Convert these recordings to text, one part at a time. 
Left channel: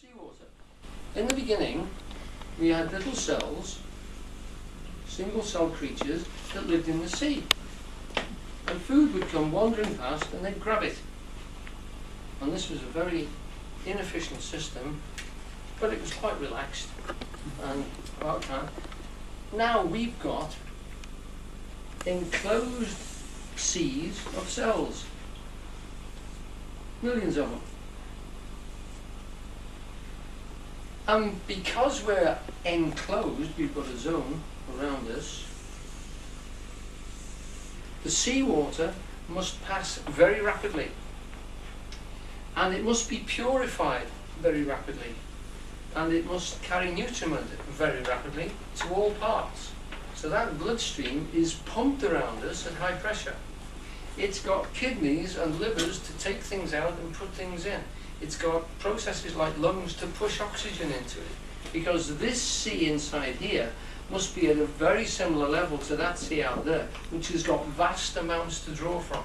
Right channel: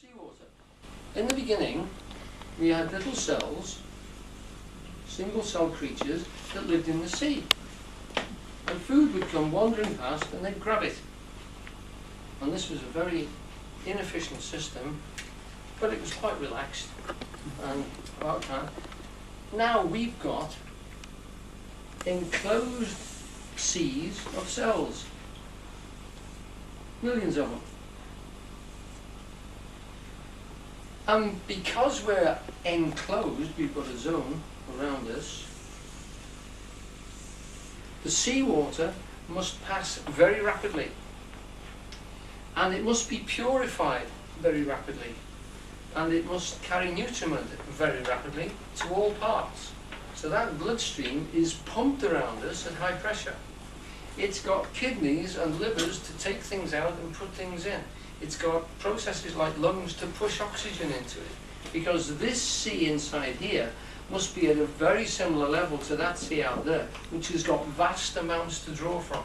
seawater. In the beginning, we had little cells, single-cell creatures that lived in the sea. And food would come wandering past and they'd grab it. And this was a very inefficient system, but it was quite relaxed and about time. Now we've got enclosed seas of cells, millions of them. And because we're enclosed, we've got a zone around us, the seawater must pass very rapidly. And it must be purified very rapidly. And it must carry nutriment very rapidly to all parts. So that bloodstream is pumped around us at high pressure. It's got kidneys and livers to take things out and put things in. It's got processes like lungs to push oxygen into it. Because this sea inside here must be at a very similar level to that sea out there, which has got vast amounts to draw from.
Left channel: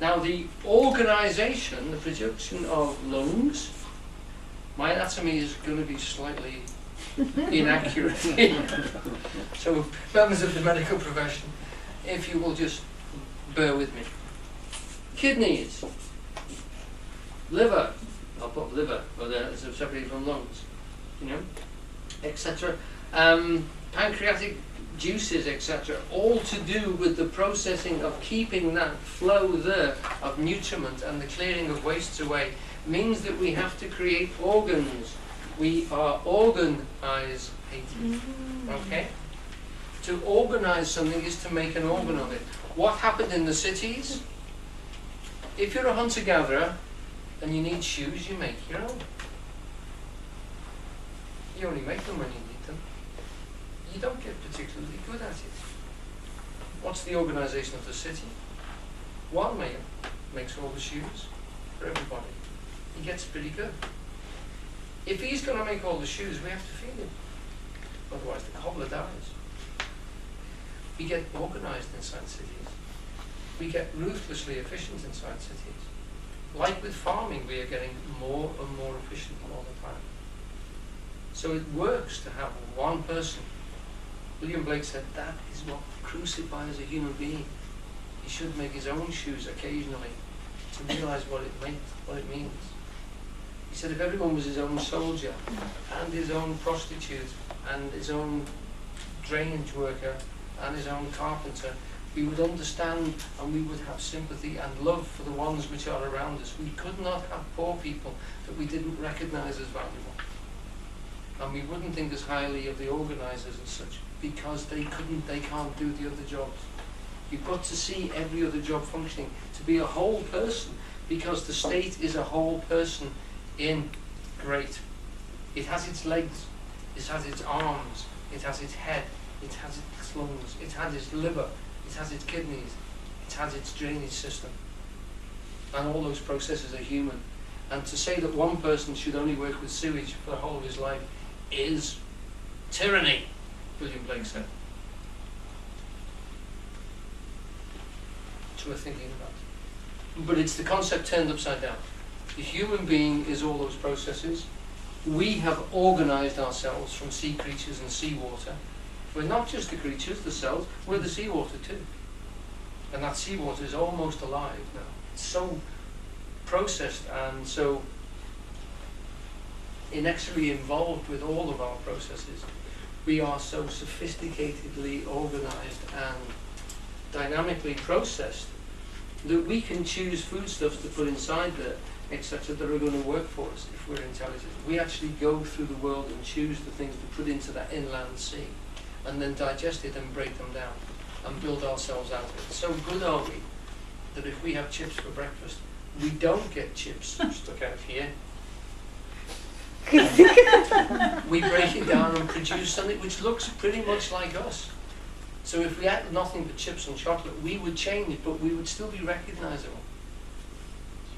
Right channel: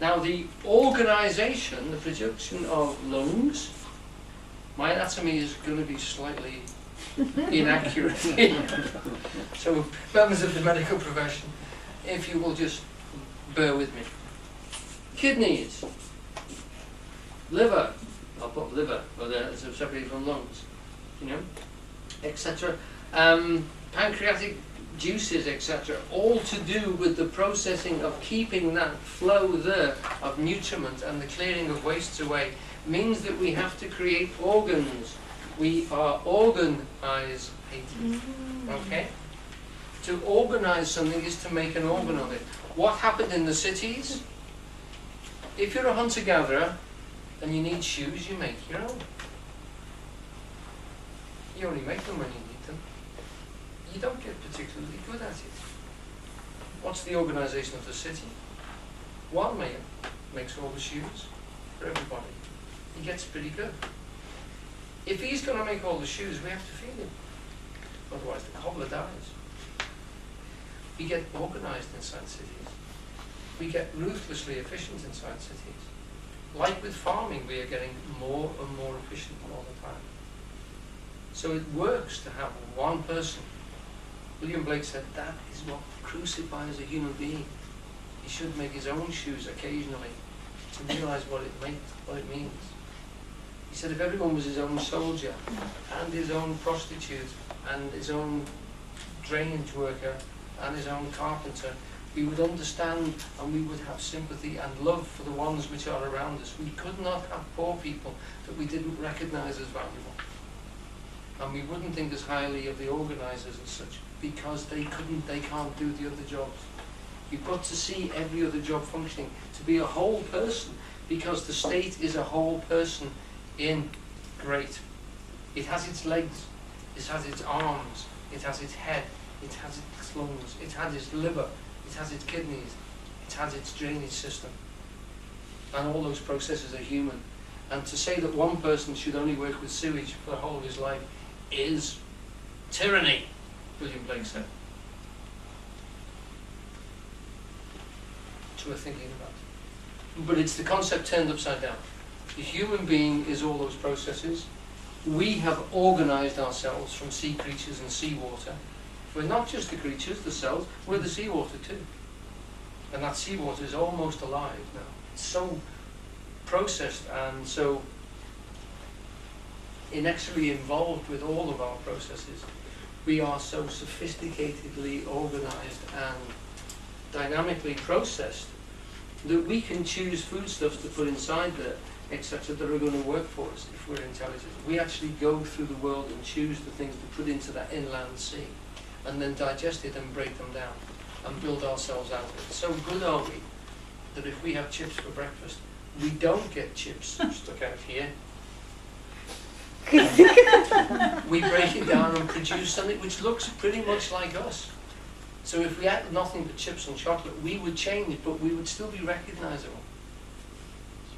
Now the organisation, the production of lungs, my anatomy is going to be slightly inaccurate here. So members of the medical profession, if you will just bear with me. Kidneys, liver, I'll put liver, but it's separated from lungs, you know, etc. Pancreatic juices, etc., all to do with the processing of keeping that flow there of nutriment and the clearing of wastes away, means that we have to create organs. We are organized, okay? To organize something is to make an organ of it. What happened in the cities? If you're a hunter-gatherer and you need shoes, you make your own. You only make them when you need them. You don't get particularly good at it. What's the organisation of the city? One man makes all the shoes for everybody. He gets pretty good. If he's going to make all the shoes, we have to feed him. Otherwise the cobbler dies. We get organised inside cities. We get ruthlessly efficient inside cities. Like with farming, we are getting more and more efficient all the time. So it works to have one person. William Blake said that is what crucifies a human being. He should make his own shoes occasionally to realise what it means. He said if everyone was his own soldier and his own prostitute and his own drainage worker and his own carpenter, we would understand and we would have sympathy and love for the ones which are around us. We could not have poor people that we didn't recognise as valuable. And we wouldn't think as highly of the organisers and such, because they can't do the other jobs. You've got to see every other job functioning, to be a whole person, because the state is a whole person in great. It has its legs, it has its arms, it has its head, it has its lungs, it has its liver, it has its kidneys, it has its drainage system. And all those processes are human. And to say that one person should only work with sewage for the whole of his life is tyranny, William Blake said. It's worth thinking about. But it's the concept turned upside down. The human being is all those processes. We have organised ourselves from sea creatures and seawater. We're not just the creatures, the cells, we're the seawater too. And that seawater is almost alive now. It's so processed and so inexorably involved with all of our processes. We are so sophisticatedly organised and dynamically processed that we can choose foodstuffs to put inside there, etc., that are going to work for us if we're intelligent. We actually go through the world and choose the things to put into that inland sea, and then digest it and break them down and build ourselves out of it. So good are we that if we have chips for breakfast, we don't get chips stuck out here. We break it down and produce something which looks pretty much like us. So if we had nothing but chips and chocolate, we would change, but we would still be recognisable.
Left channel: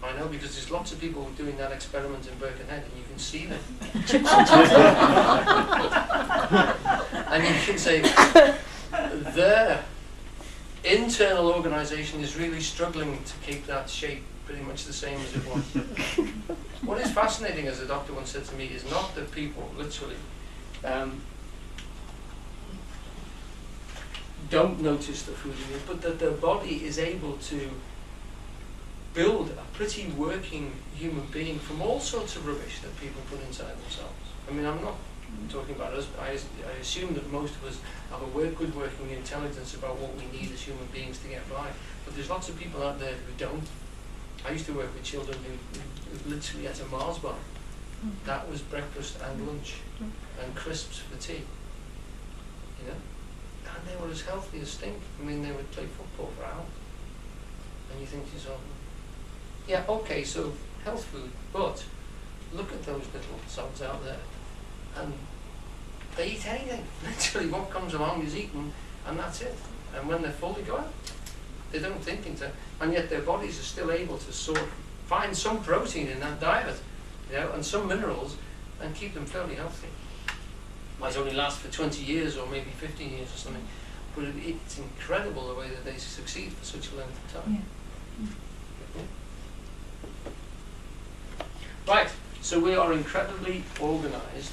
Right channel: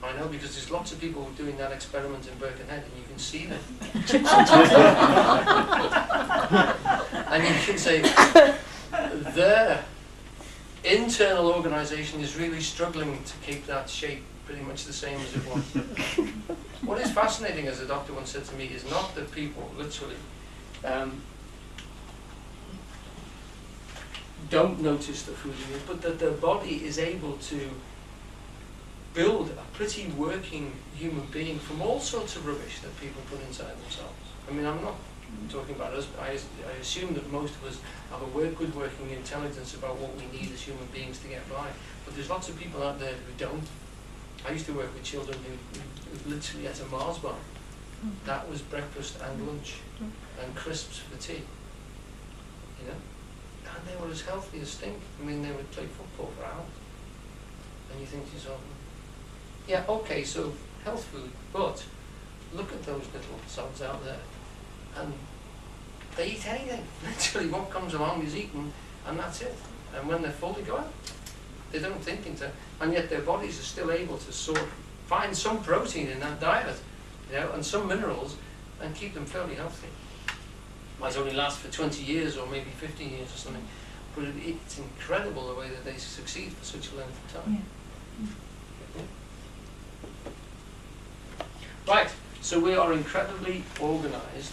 I know, because there's lots of people doing that experiment in Birkenhead, and you can see them. Chips and chocolate. And you can say, their internal organisation is really struggling to keep that shape pretty much the same as it was. What is fascinating, as a doctor once said to me, is not that people literally don't notice the food in it, but that their body is able to build a pretty working human being from all sorts of rubbish that people put inside themselves. I mean, I'm not talking about us, but I assume that most of us have a good working intelligence about what we need as human beings to get by. But there's lots of people out there who don't. I used to work with children who literally ate a Mars bar. That was breakfast and lunch, and crisps for tea. You know? And they were as healthy as stink. I mean, they would play football for hours. And you think to yourself, yeah, okay, so health food, but look at those little sods out there. And they eat anything. Literally, what comes along is eaten, and that's it. And when they're full, they go out. They don't think into it. And yet their bodies are still able to find some protein in that diet, you know, and some minerals, and keep them fairly healthy. Might only last for 20 years or maybe 15 years or something, but it's incredible the way that they succeed for such a length of time. Yeah. Right, so we are incredibly organized,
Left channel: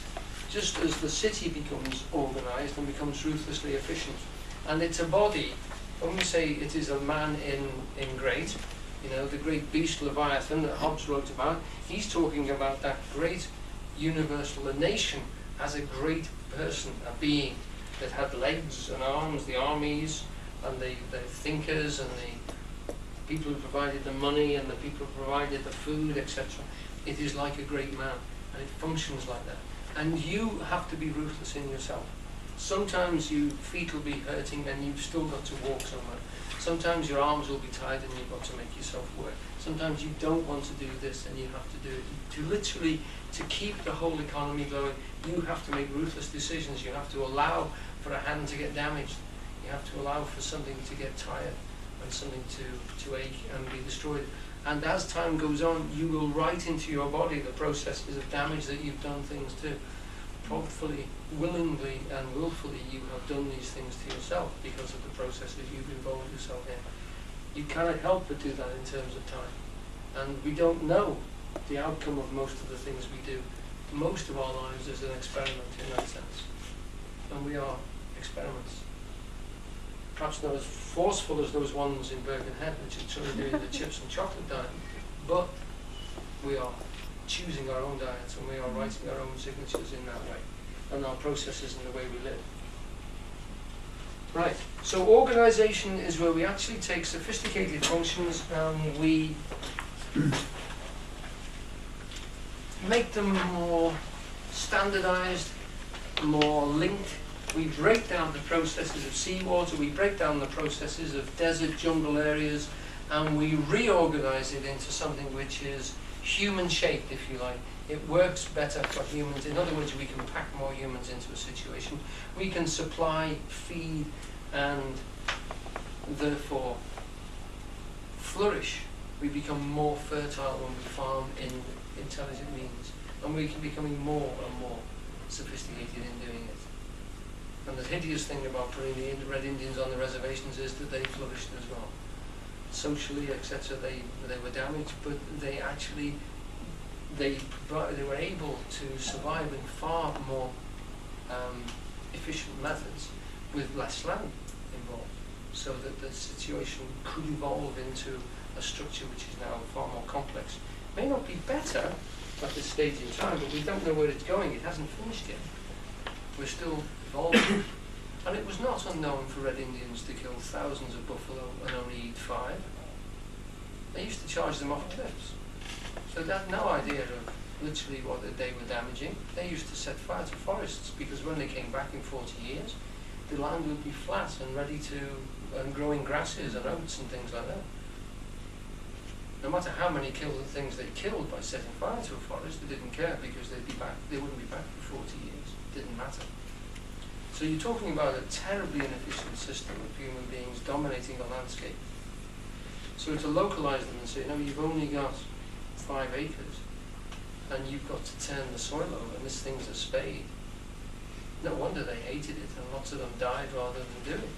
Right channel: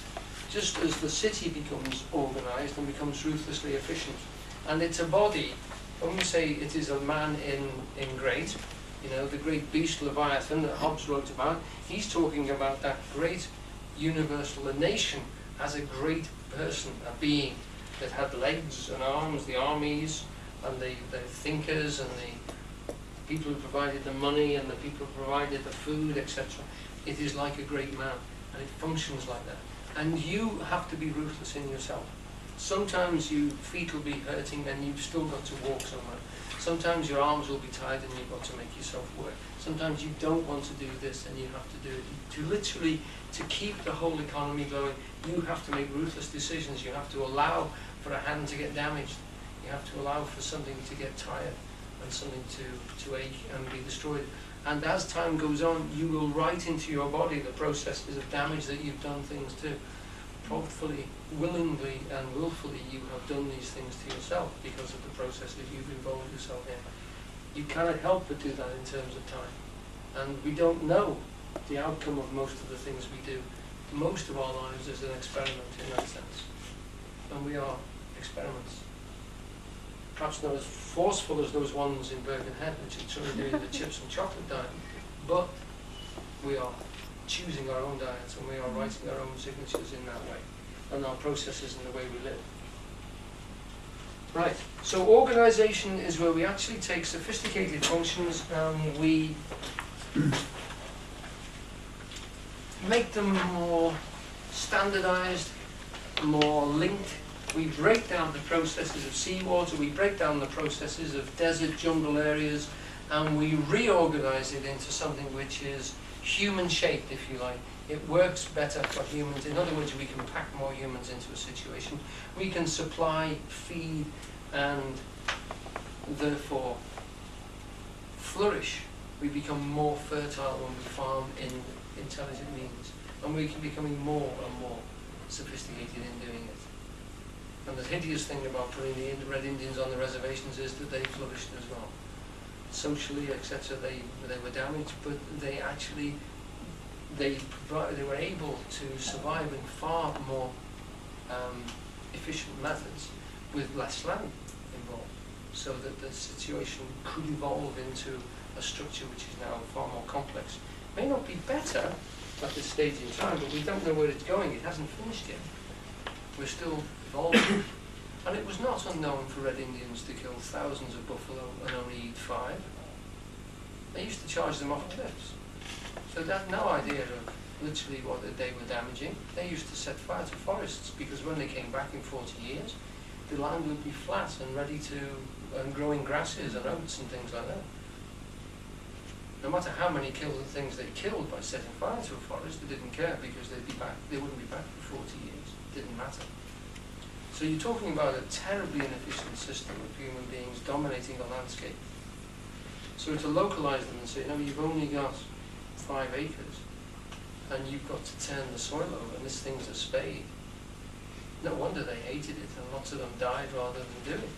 just as the city becomes organized and becomes ruthlessly efficient. And it's a body, when we say it is a man in great, you know, the great beast Leviathan that Hobbes wrote about, he's talking about that great universal, a nation as a great person, a being that had legs and arms, the armies and the thinkers and the people who provided the money and the people who provided the food, etc. It is like a great man, and it functions like that. And you have to be ruthless in yourself. Sometimes your feet will be hurting and you've still got to walk somewhere. Sometimes your arms will be tired and you've got to make yourself work. Sometimes you don't want to do this and you have to do it. To keep the whole economy going, you have to make ruthless decisions. You have to allow for a hand to get damaged. You have to allow for something to get tired and something to ache and be destroyed. And as time goes on, you will write into your body the processes of damage that you've done things to. Hopefully, willingly and willfully, you have done these things to yourself because of the process that you've involved yourself in. You cannot help but do that in terms of time. And we don't know the outcome of most of the things we do. Most of our lives is an experiment in that sense. And we are experiments. Perhaps not as forceful as those ones in Birkenhead, which are sort of doing the chips and chocolate diet, but we are choosing our own diets and we are writing our own signatures in that way, and our processes in the way we live. Right, so organization is where we actually take sophisticated functions and we make them more standardized, more linked. We break down the processes of seawater, we break down the processes of desert, jungle areas, and we reorganize it into something which is human-shaped, if you like. It works better for humans. In other words, we can pack more humans into a situation. We can supply, feed, and therefore flourish. We become more fertile when we farm in intelligent means. And we can becoming more and more sophisticated in doing it. And the hideous thing about putting the Red Indians on the reservations is that they flourished as well. Socially, etc., they were damaged, but they actually, they were able to survive in far more efficient methods with less land involved, so that the situation could evolve into a structure which is now far more complex. It may not be better at this stage in time, but we don't know where it's going. It hasn't finished yet. We're still evolving. And it was not unknown for Red Indians to kill thousands of buffalo and only eat 5. They used to charge them off cliffs. So they had no idea of literally what they were damaging. They used to set fire to forests because when they came back in 40 years, the land would be flat and ready to, growing grasses and oats and things like that. No matter how many things they killed by setting fire to a forest, they didn't care because they wouldn't be back for 40 years. It didn't matter. So you're talking about a terribly inefficient system of human beings dominating the landscape. So to localize them and say, no, you've only got 5 acres and you've got to turn the soil over and this thing's a spade. No wonder they hated it and lots of them died rather than do it.